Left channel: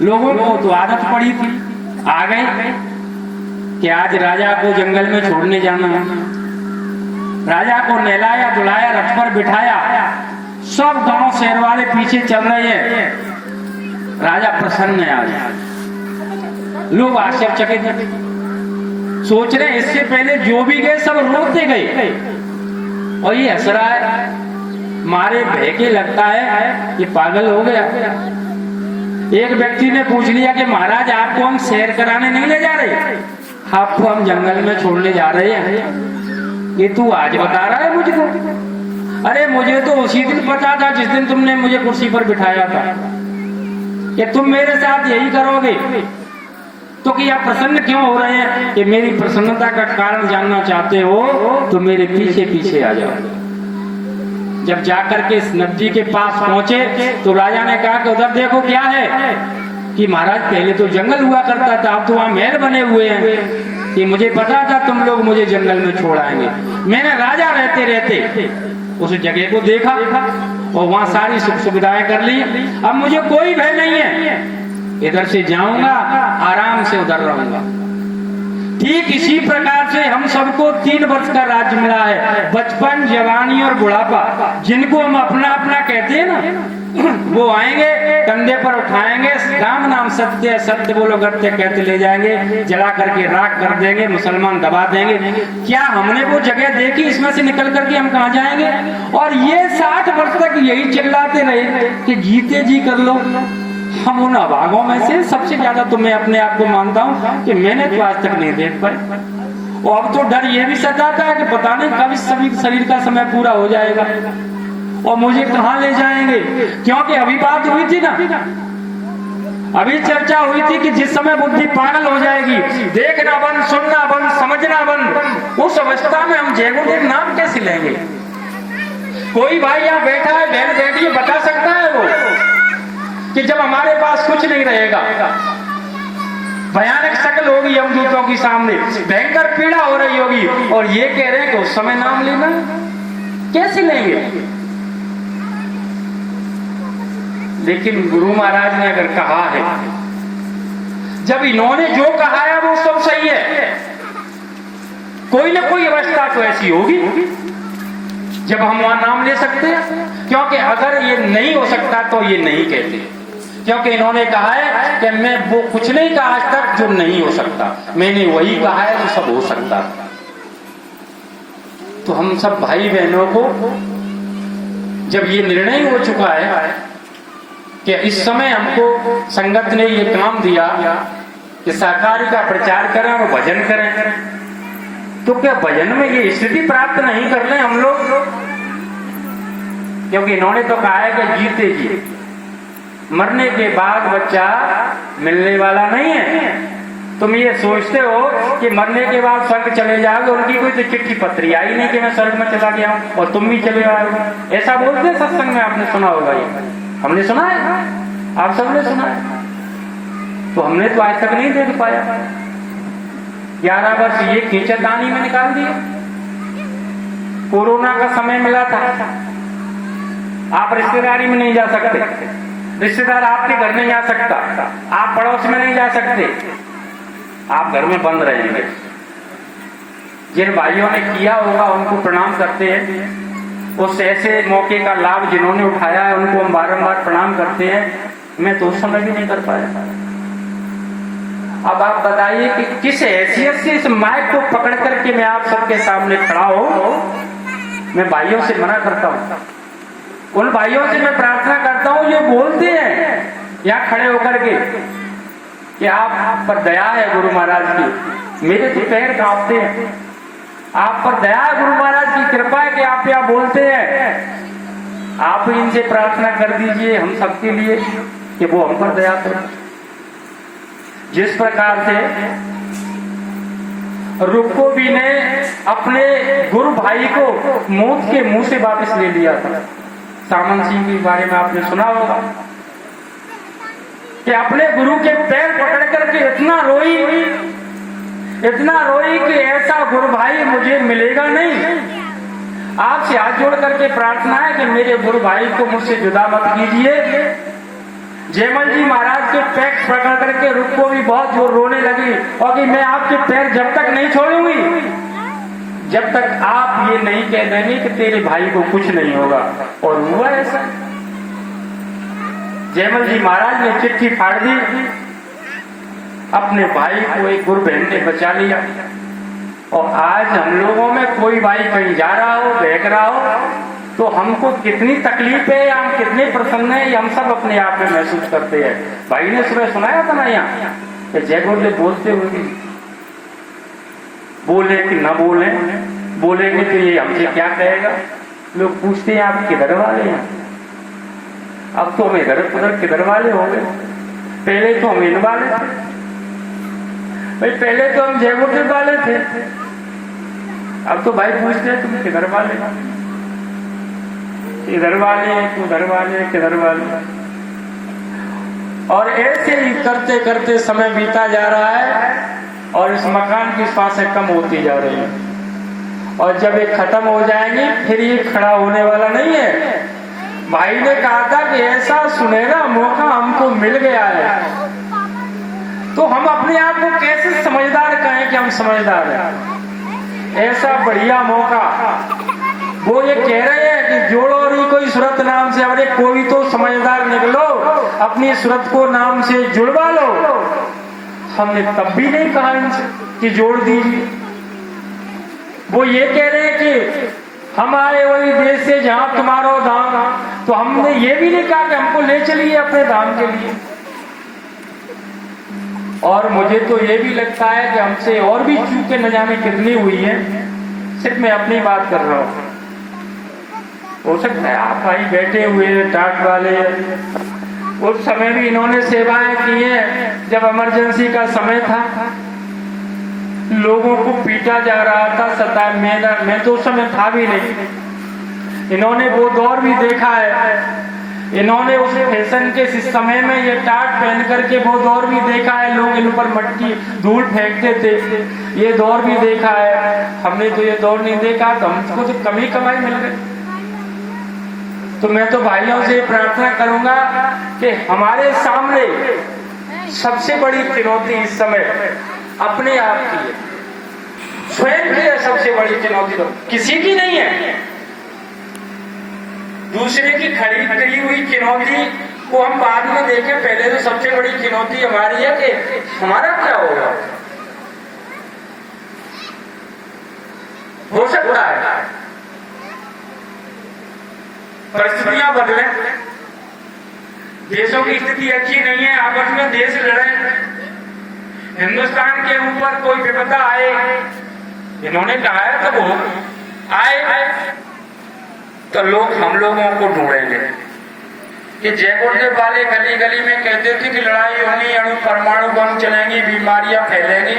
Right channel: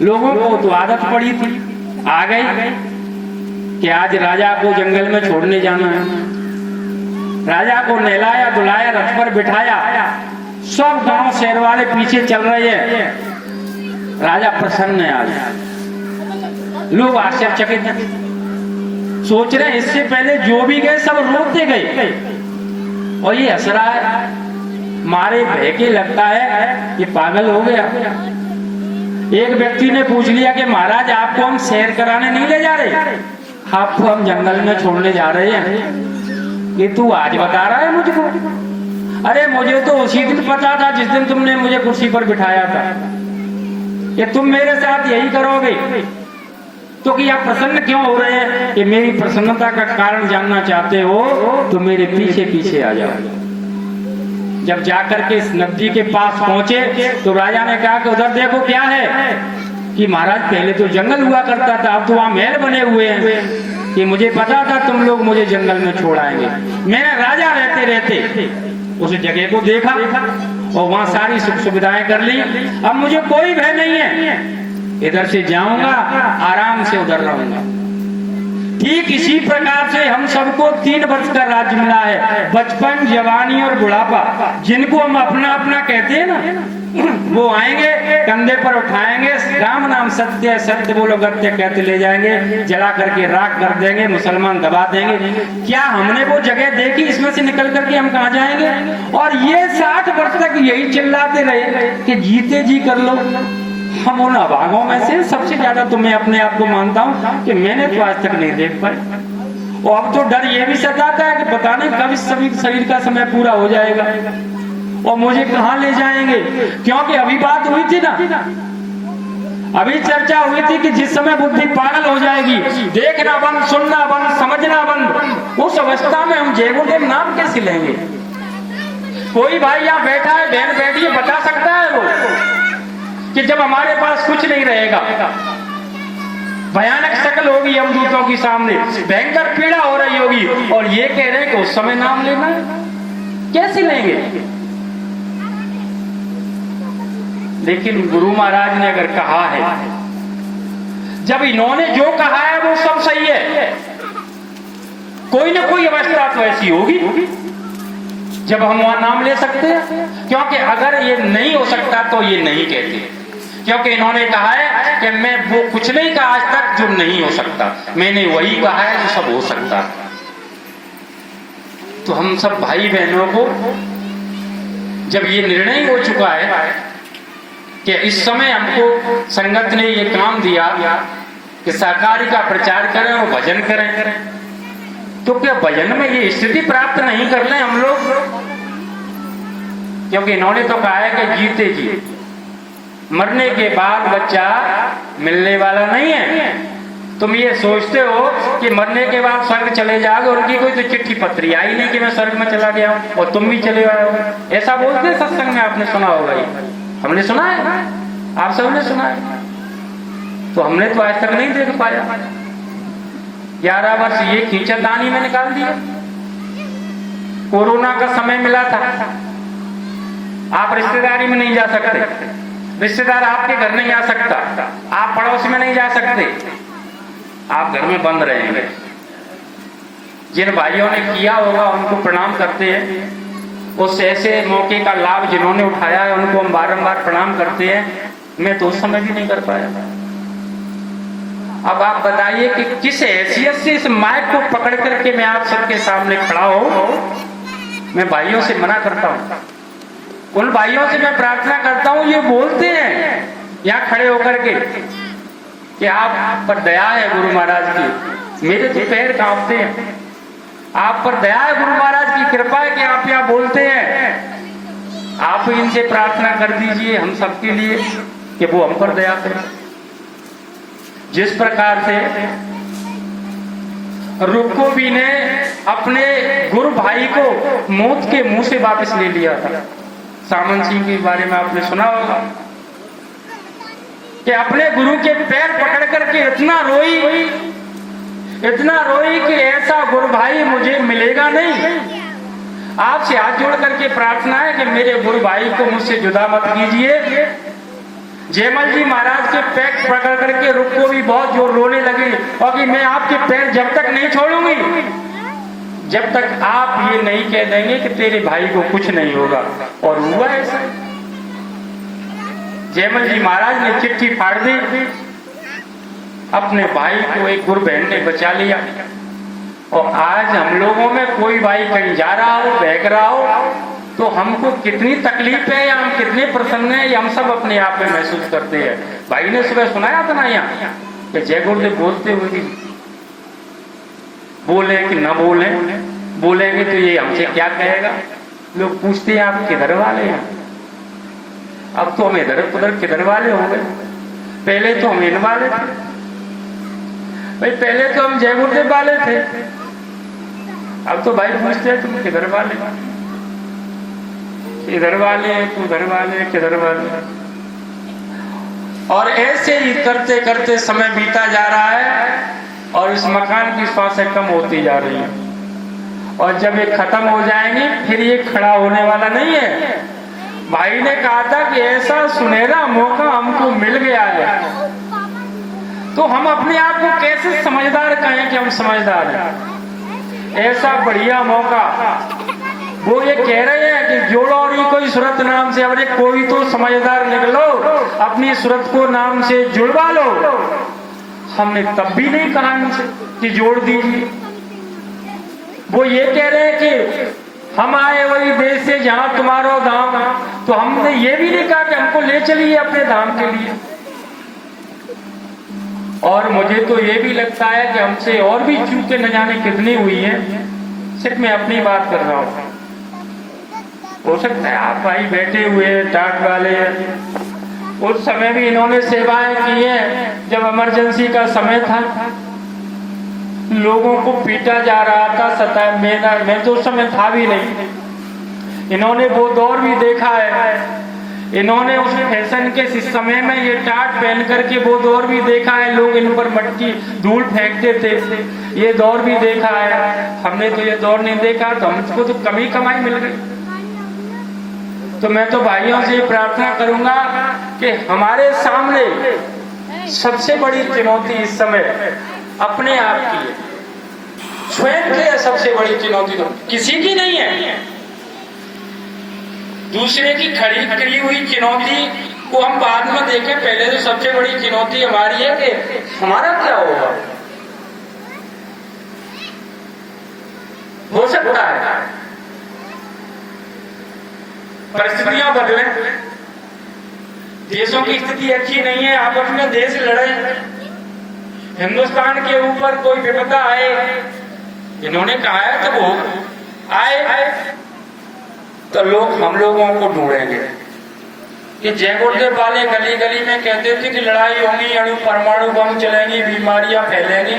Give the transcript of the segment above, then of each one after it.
लोगों को तो आदत पड़ी थी, आ गई कि आज राजा को जंगल में छोड़ने जाना है। राजा को नहलाया धुलाया, रथ पर बिठाया, सब गांव शहर वाले पीछे चल रहे हैं। राजा प्रसन्न है आज। लोग आश्चर्यचकित सोच रहे हैं, इससे पहले जो भी गए सब रोते गए और ये हंस रहा है, मारे भय के लगता है ये पागल हो गया। एक व्यक्ति ने पूछ लिया कि महाराज आपको हम सैर कराने नहीं ले जा रहे, आपको हम जंगल में छोड़ने जा रहे हैं। ये तू आज बता रहा है मुझको? अरे मुझे तो उसी दिन पता था जिस दिन तुमने मुझे कुर्सी पर बिठाया था कि तुम मेरे साथ यही करोगे। तो कि आप प्रसन्न क्यों हो रहे हैं? कि मेरी प्रसन्नता का कारण जानना चाहते हो तो मेरे पीछे पीछे आ जाओ। जब जाकर के इस नदी के पास पहुंचे तो राजा ने कहा कि उधर देखो क्या है। कि महाराज पहले तो जंगल हुआ करता था, अब तो वहां महल बने हुए हैं। कि मुझे पता था तुम लोग मुझे जंगल में छोड़ आएंगे। मैंने राजा रहते रहते उस जगह को देखा और वहां सारी सुख सुविधाएं कर ली। अब मुझे कोई भय नहीं है, इधर से जाऊंगा आराम से उधर रहूंगा। ठीक इसी प्रकार से हम सबको 3 वर्ष का राज्य मिला है, बचपन, जवानी और बुढ़ापा। जिनको हम अपना अपना कहते हैं ना, वो आएंगे कंधे पर उठाएंगे, राम नाम सत्य है, सत्य बोलो गत्य कहते ले जाएंगे, जला करके राख कर देंगे, मुसलमान दबा देंगे। क्या हमने वो जगह देखी? इसमें से निकल करके हम कहाँ जाएंगे? और ये 60 वर्ष तक यही चिल्लाते रहे कि जीते जी कर लो। हम उन अभागों में से सबसे ज्यादा तो मैं अपने आप को मानता हूँ कि मैंने तो आज तक नहीं देख पाई। और अब तो डर ये भी सताता है कि पता नहीं कब इस शरीर का समय पूरा हो जाएगा और मुझे कहाँ ले जाएंगे। क्योंकि अभी बात हुई थी ना, अभी चर्चा हुई थी कि जिस समय बुद्धि पागल हो जाएगी, देखना बंद, सुनना बंद, समझना बंद, उस अवस्था में हम जय गुरुदेव नाम कैसे लेंगे? कोई भाई यहाँ बैठा है, बहन बैठी है, बता सकता है वो कि जब हमारे पास कुछ नहीं रहेगा, भयानक शक्ल होगी यमदूतों की सामने, भयंकर पीड़ा हो रही होगी और ये कह रहे हैं कि उस समय नाम लेना, कैसे लेंगे? लेकिन गुरु महाराज ने अगर कहा है, जब इन्होंने जो कहा है वो सब सही है, कोई ना कोई अवस्था तो ऐसी होगी जब हम वहां नाम ले सकते हैं। क्योंकि अगर ये नहीं हो सकता तो ये नहीं कहते, क्योंकि इन्होंने कहा है कि मैं वो कुछ नहीं कहा आज तक जो नहीं हो सकता, मैंने वही कहा है जो सब हो सकता है। तो हम सब भाई बहनों को जब ये निर्णय हो चुका है कि इस समय हमको संगत ने ये काम दिया कि सहकारी का प्रचार करें और भजन करें, तो क्या भजन में ये स्थिति प्राप्त नहीं कर लें हम लोग? क्योंकि इन्होंने तो कहा है कि जीते जी, मरने के बाद बच्चा मिलने वाला नहीं है। तुम ये सोचते हो कि मरने के बाद स्वर्ग चले जाओगे, उनकी कोई तो चिट्ठी पत्री आई नहीं कि मैं स्वर्ग में चला गया और तुम भी चले आए हो। ऐसा बोलते सत्संग में, आपने सुना होगा, ये हमने सुना है, आप सबने सुना है। तो हमने तो आज तक नहीं देख पाया। 11 वर्ष ये खींचतानी में निकाल दिए। कोरोना का समय मिला था, आप रिश्तेदारी में नहीं जा सकते, रिश्तेदार आपके घर नहीं जा सकता, आप पड़ोस में नहीं जा सकते, आप घर में बंद रहेंगे। जिन भाइयों ने किया होगा उनको प्रणाम करते हैं, उस ऐसे मौके का लाभ जिन्होंने उठाया है उनको हम बारंबार प्रणाम करते हैं। मैं तो उस समय भी नहीं कर पाया। अब आप बताइए कि किस हैसियत से इस माइक को पकड़ करके मैं आप सबके सामने खड़ा हूं। मैं भाइयों से मना करता हूं, उन भाइयों से मैं प्रार्थना करता हूं, ये बोलते हैं यहाँ खड़े होकर के कि आप पर दया है गुरु महाराज की, मेरे तो पैर कांपते हैं। आप पर दया है गुरु महाराज की, कृपा है कि आप यहाँ बोलते हैं। आप इनसे प्रार्थना कर दीजिए हम सबके लिए कि वो हम पर दया करें। जिस प्रकार से रुक्कोबी ने अपने गुरु भाई को मौत के मुंह से वापस ले लिया था, सामन सिंह के बारे में आपने सुना होगा कि अपने गुरु के पैर पकड़ करके इतना रोई कि ऐसा गुरु भाई मुझे मिलेगा नहीं। आपसे हाथ जोड़ करके प्रार्थना है कि मेरे गुरु भाई को मुझसे जुदा मत कीजिए। जयमल जी महाराज के पैर पकड़ करके रुको भी बहुत जोर रोने लगी और कि मैं आपके पैर जब तक नहीं छोड़ूंगी जब तक आप ये नहीं कह देंगे कि तेरे भाई को कुछ नहीं होगा। और हुआ ऐसा। जयमल जी महाराज ने चिट्ठी फाड़ दी, अपने भाई को एक गुरु बहन ने बचा लिया। और आज हम लोगों में कोई भाई कहीं जा रहा हो, बहक रहा हो, तो हमको कितनी तकलीफ है या हम कितने प्रसन्न हैं ये हम सब अपने आप में महसूस करते हैं। भाई ने सुबह सुनाया था ना यहाँ कि जय गुरुदेव बोलते हुए बोले कि ना बोले, बोलेंगे तो ये हमसे क्या कहेगा। लोग पूछते हैं आप किधर वाले हैं। अब तो हम इधर उधर किधर वाले हो गए। पहले तो हम इन वाले थे भाई, पहले तो हम जय गुरुदेव वाले थे। अब तो भाई पूछते हैं तुम किधर वाले, इधर वाले, उधर वाले, किधर वाले। और ऐसे ही करते करते समय बीता जा रहा है और इस मकान की सांसें कम होती जा रही है। और जब ये खत्म हो जाएंगे फिर ये खड़ा होने वाला नहीं है। भाई ने कहा था कि ऐसा सुनहरा मौका हमको मिल गया है, तो हम अपने आप को कैसे समझदार कहें कि हम समझदार हैं। ऐसा बढ़िया मौका वो ये कह रहे हैं कि जोड़ो और कोई सूरत नाम से, अरे कोई तो समझदार निकलो, अपनी सूरत को नाम से जुड़वा लो। हमने तब भी नहीं कहा इनसे कि जोड़ दीजिए। वो ये कह रहे हैं कि हम आए वही देश से जहां तुम्हारा धाम, तो हमने ये भी नहीं कहा कि हमको ले चलिए अपने धाम के लिए। और मुझे तो ये भी लगता है कि हमसे और भी चूकें न जाने कितनी हुई है। सिर्फ मैं अपनी बात कर रहा हूं, हो सकता है आप भाई बैठे हुए टाट वाले, उस समय भी इन्होंने सेवाएं की है। जब इमरजेंसी का समय था, लोगों को पीटा जा रहा था, सताया, मैं तो उस समय था भी नहीं। इन्होंने वो दौर भी देखा है। इन्होंने उस फैशन के समय में ये टाट पहन करके वो दौर भी देखा है। लोग इन पर मटकी धूल फेंकते थे, ये दौर भी देखा है। हमने तो ये दौर नहीं देखा, तो हमको तो कमी कमाई मिल गई। तो मैं तो भाइयों से प्रार्थना करूंगा कि हमारे सामने सबसे बड़ी चुनौती इस समय अपने आप की है, स्वयं की है। सबसे बड़ी चुनौती तो किसी की नहीं है, दूसरे की खड़ी हुई चुनौती को हम बाद में देखें। पहले तो सबसे बड़ी चुनौती हमारी है कि हमारा क्या होगा। हो सकता है परिस्थितियां बदले, देशों की स्थिति अच्छी नहीं है, आपस में देश लड़े, हिंदुस्तान के ऊपर कोई विपदा आए। इन्होंने कहा है तो वो आए तो लोग हम लोगों को ढूंढेंगे। कि जय गुरुदेव वाले गली गली में कहते थे कि लड़ाई होगी, अणु परमाणु बम चलेंगी, बीमारियां फैलेंगी।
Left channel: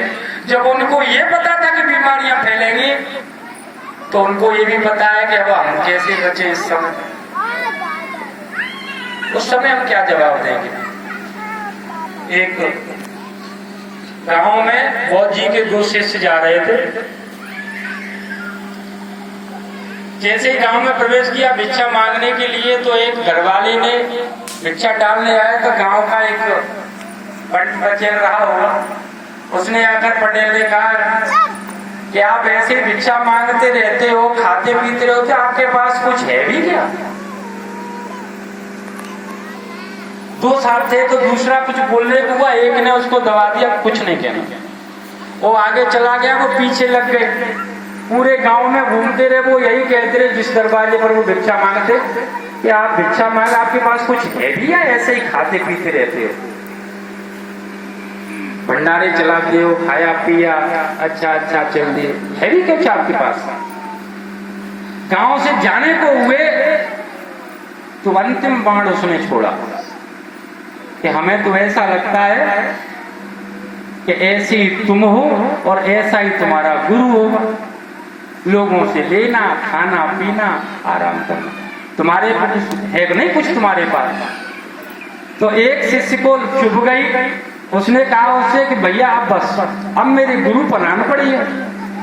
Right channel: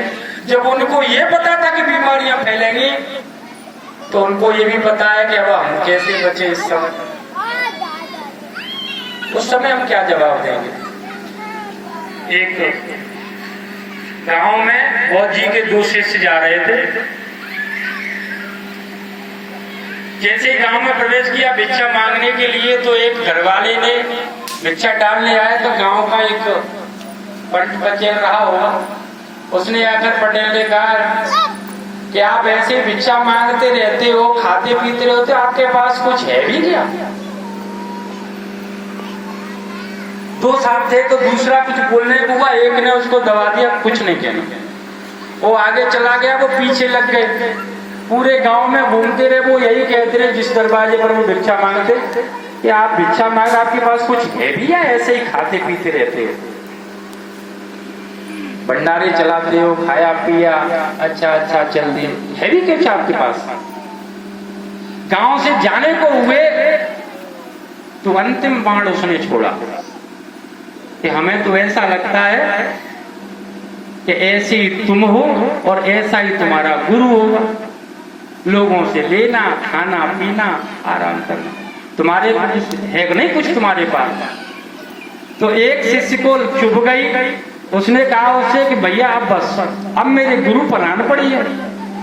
जब उनको ये पता था कि बीमारियां फैलेंगी, तो उनको ये भी पता है कि अब हम कैसे बचे इस समय। उस समय हम क्या जवाब देंगे। एक गांव में बौद्ध जी के 2 शिष्य जा रहे थे। जैसे ही गांव में प्रवेश किया भिक्षा मांगने के लिए, तो एक घरवाले ने भिक्षा डालने आया, तो गांव का एक बच्चे रहा होगा, उसने आकर पटेल ने कहा कि आप ऐसे भिक्षा मांगते रहते हो, खाते पीते रहते हो, आपके पास कुछ है भी क्या। 2 साहब थे तो दूसरा कुछ बोलने को हुआ, एक ने उसको दबा दिया, कुछ नहीं कहना। वो आगे चला गया, वो पीछे लग गए। पूरे गांव में घूमते रहे, वो यही कहते रहे जिस दरवाजे पर वो भिक्षा मांगते कि आप भिक्षा मांग, आपके पास कुछ है भी या ऐसे ही खाते पीते रहते हो। भंडारे चलाते हो, खाया पिया, अच्छा अच्छा चल दिए, है भी कुछ आपके पास। गांव से जाने को हुए तो अंतिम बाण उसने छोड़ा कि हमें तो ऐसा लगता है कि ऐसे ही तुम हो और ऐसा ही तुम्हारा गुरु होगा। लोगों से लेना, खाना पीना, आराम करना, तुम्हारे पास है नहीं कुछ तुम्हारे पास। तो एक शिष्य को चुभ गई, उसने कहा उससे कि भैया आप बस अब मेरे गुरु बनाना पड़ी है,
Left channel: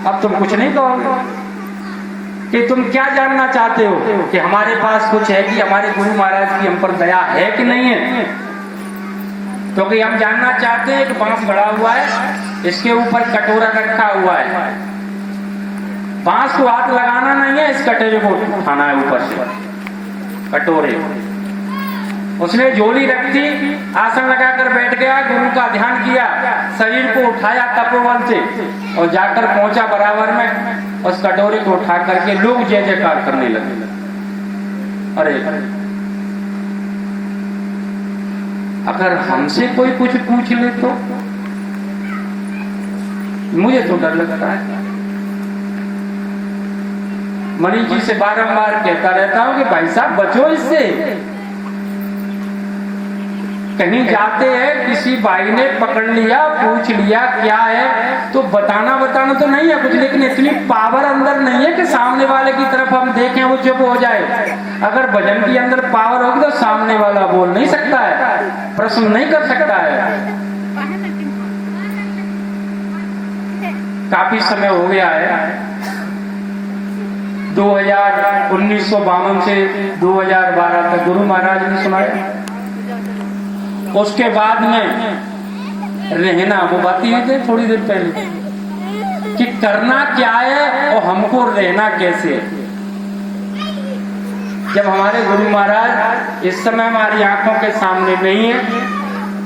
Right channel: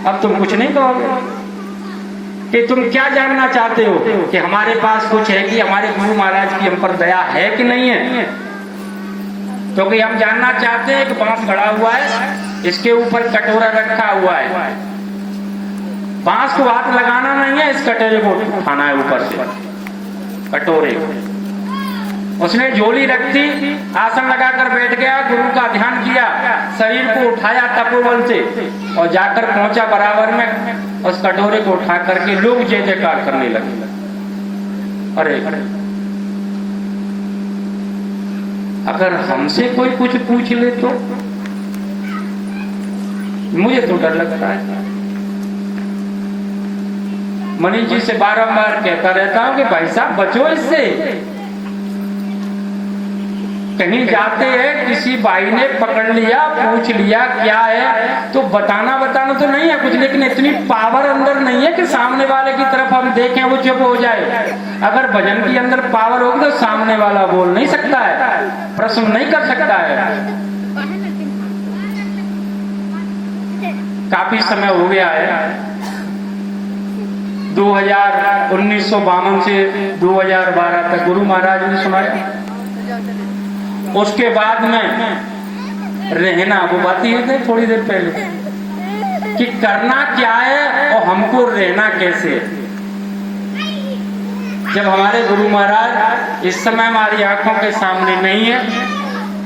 अब तुम कुछ नहीं कहोगे। कि तुम क्या जानना चाहते हो कि हमारे पास कुछ है कि हमारे गुरु महाराज की हम पर दया है कि नहीं है। तो कि हम जानना चाहते हैं कि बांस गड़ा हुआ है, इसके ऊपर कटोरा रखा हुआ है, बांस को हाथ लगाना नहीं है, इस कटोरे को उठाना है ऊपर से, कटोरे। उसने झोली रख दी, आसन लगाकर बैठ गया, गुरु का ध्यान किया, शरीर को उठाया तपोबल से और जाकर पहुंचा बराबर में, उस कटोरे को उठा करके लोग जय जयकार करने लगे। अरे अगर हमसे कोई कुछ पूछ ले तो मुझे तो डर लगता है। मनीष जी से बारंबार कहता रहता हूं कि भाई साहब बचो इससे। कहीं जाते हैं, किसी भाई ने पकड़ लिया, पूछ लिया क्या है, तो बताना तो नहीं है कुछ, लेकिन इतनी पावर अंदर नहीं है कि सामने वाले की तरफ हम देखें वो चुप हो जाए। अगर भजन के अंदर पावर होगी तो सामने वाला बोल नहीं सकता है, प्रश्न नहीं कर सकता है। काफी समय हो गया है, 1952 से 2012 तक गुरु महाराज ने सुनाया। उसके बाद में रहना, वो बात ही थे थोड़ी देर पहले कि करना क्या है और हमको रहना कैसे। जब हमारे गुरु महाराज इस समय हमारी आंखों के सामने नहीं है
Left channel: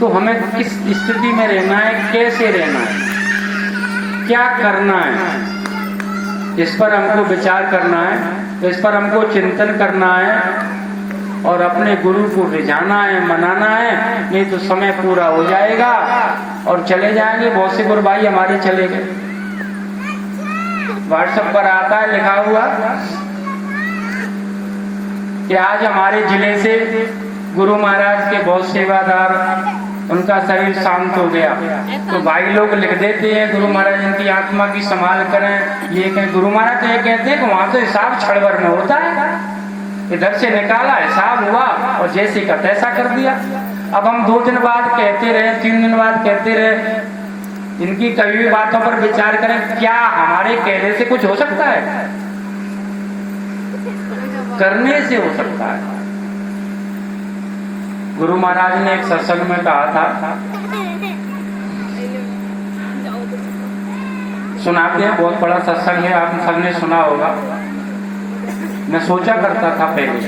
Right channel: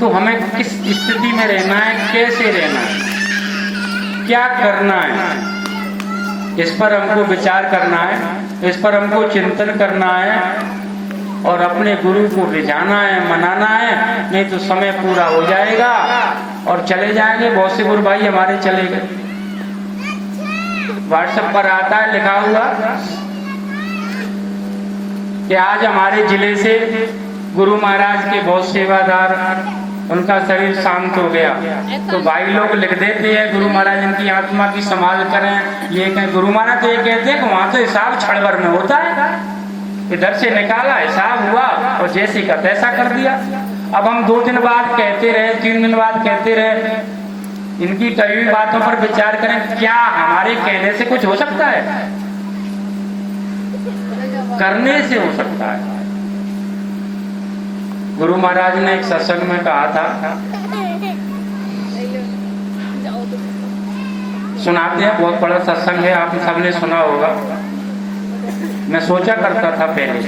तो हमें किस स्थिति में रहना है, कैसे रहना है, क्या करना है, इस पर हमको विचार करना है, इस पर हमको चिंतन करना है और अपने गुरु को रिझाना है, मनाना है। नहीं तो समय पूरा हो जाएगा और चले जाएंगे। बहुत से गुरु भाई हमारे चले गए। व्हाट्सएप पर आता है लिखा हुआ कि आज हमारे जिले से गुरु महाराज के बहुत सेवादार, उनका शरीर शांत हो गया। तो भाई लोग लिख देते हैं गुरु महाराज उनकी आत्मा की संभाल करें। ये कहें गुरु महाराज ये कहते हैं कि वहां से हिसाब छड़वर में होता है, इधर से निकाला, हिसाब हुआ और जैसे का तैसा कर दिया। अब हम 2 दिन बाद कहते रहे, 3 दिन बाद कहते रहे, इनकी कई भी बातों पर विचार करें। क्या हमारे कहने से कुछ हो सकता है? करने से हो सकता है। गुरु महाराज ने एक सत्संग में कहा था, सुनाते हैं, बहुत बड़ा सत्संग है, आप सबने सुना होगा। मैं सोचा करता था पहले